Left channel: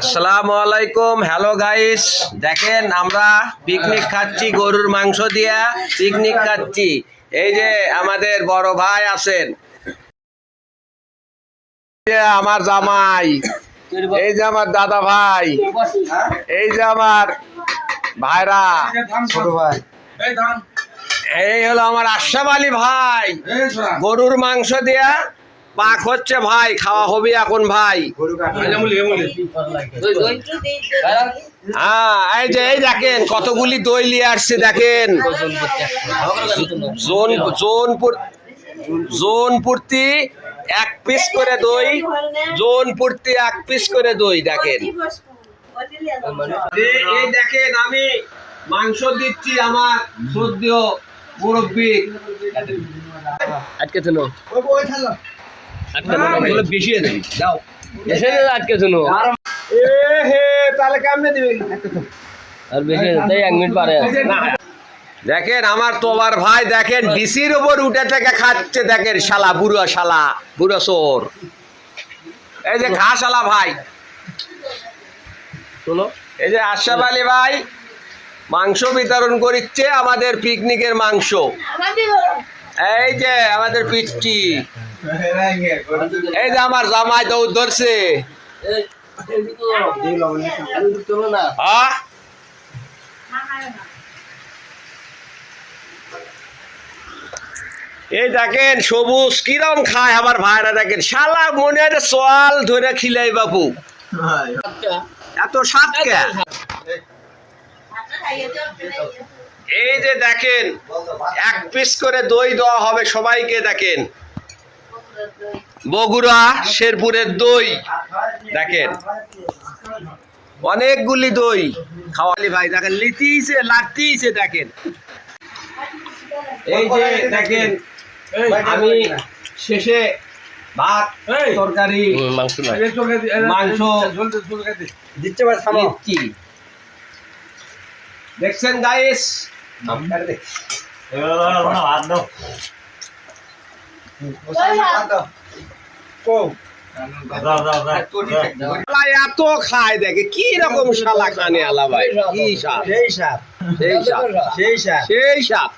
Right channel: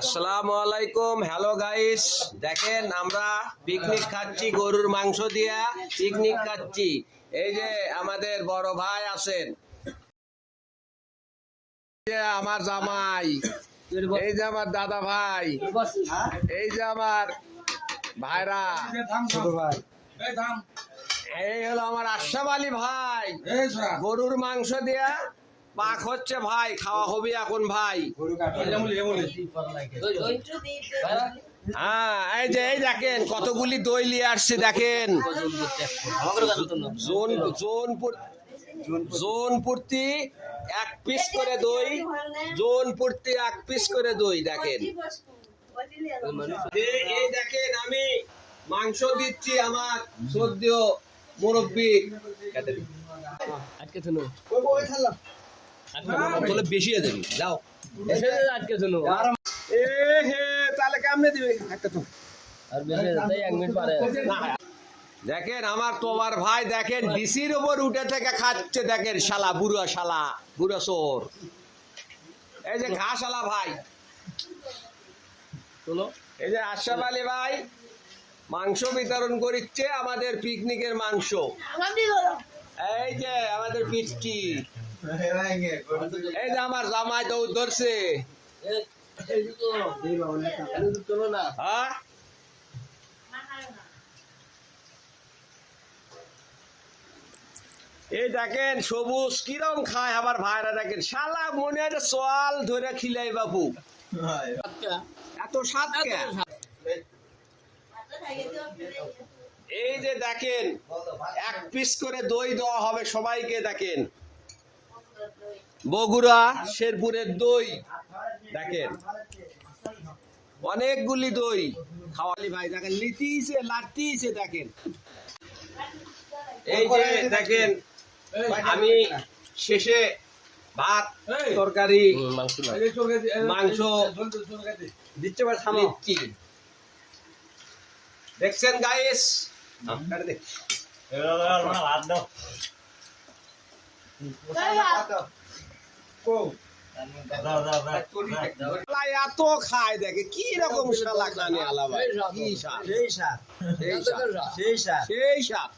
আসসালামু আলাইকুম। Hello guys, দেখেন আমরা পিকনিক খাচ্ছি, গরুর মাংস দিয়া পিকনিক খাচ্ছি। এই যে আমাদের বড় ভাই আছেন, আমার জামাই, এই যে আমার দাদা ভাই, এই যে আমার ভাইরা, ছোট ভাই, এই হলো আমার আশরাফ আলী ভাই। গরুর মাংস দিয়া পাক হচ্ছে ভাই, খাওয়া হবে এখন ভাই। হ্যাঁ, এই যে এই দেখেন কতগুলি দই নিয়ে আসছে, দেখেন জোন পূর্তি 1 পিস করে দই, জোন পূর্তি 1 পিস করে দই। দেখেন এই দেখেন আমি মাংস দিচ্ছি আমার শ্রদ্ধেয় মুরব্বী। আটকে শুনো, বেশি যাও আটকে শুনো, তাহলে কেমনে দিবি? আর বেশি তাই 1 মিনিট পারে। দেখেন আমার তোমার ভাই, দেখেন ডিসির উপর উঠে থেকে খাচ্ছে, দেখেন শালা, বুড়ো চোর। এই যে খা শালা ভাই, শোনো, এই যে আশরাফ আলী ভাই মাংস বিতরণ করছে, আমাদের পিকনিকের মাংস। এই যে আমাদের পিচ্ছি, এই যে আমার জামাই দৌড় ধরছে। এই দেখেন সবুজ কিরম খায় আমার ভাইরা, দেখেন শালা মনে হয় সোয়াল ধরে খিলাই বাপু, এত স্বাদ কে। এই যে দেখেন 1 পিস করে দই দেওয়া হবে সবাইকে। দেখেন বগুড়া শেরপুরের দই, দেখেন অনেকগুলি দই খাওয়ালি ভাই। দেখেন লাতিছে দেখেন। এই যে দেখেন আমি শেষে ভাত তরকারি মাংস দিচ্ছি, দেখছেন গাইস। এত খায়, দেখে কি রকম শালা খানে আলা ভাই, কি সাপ, সেই সাপ।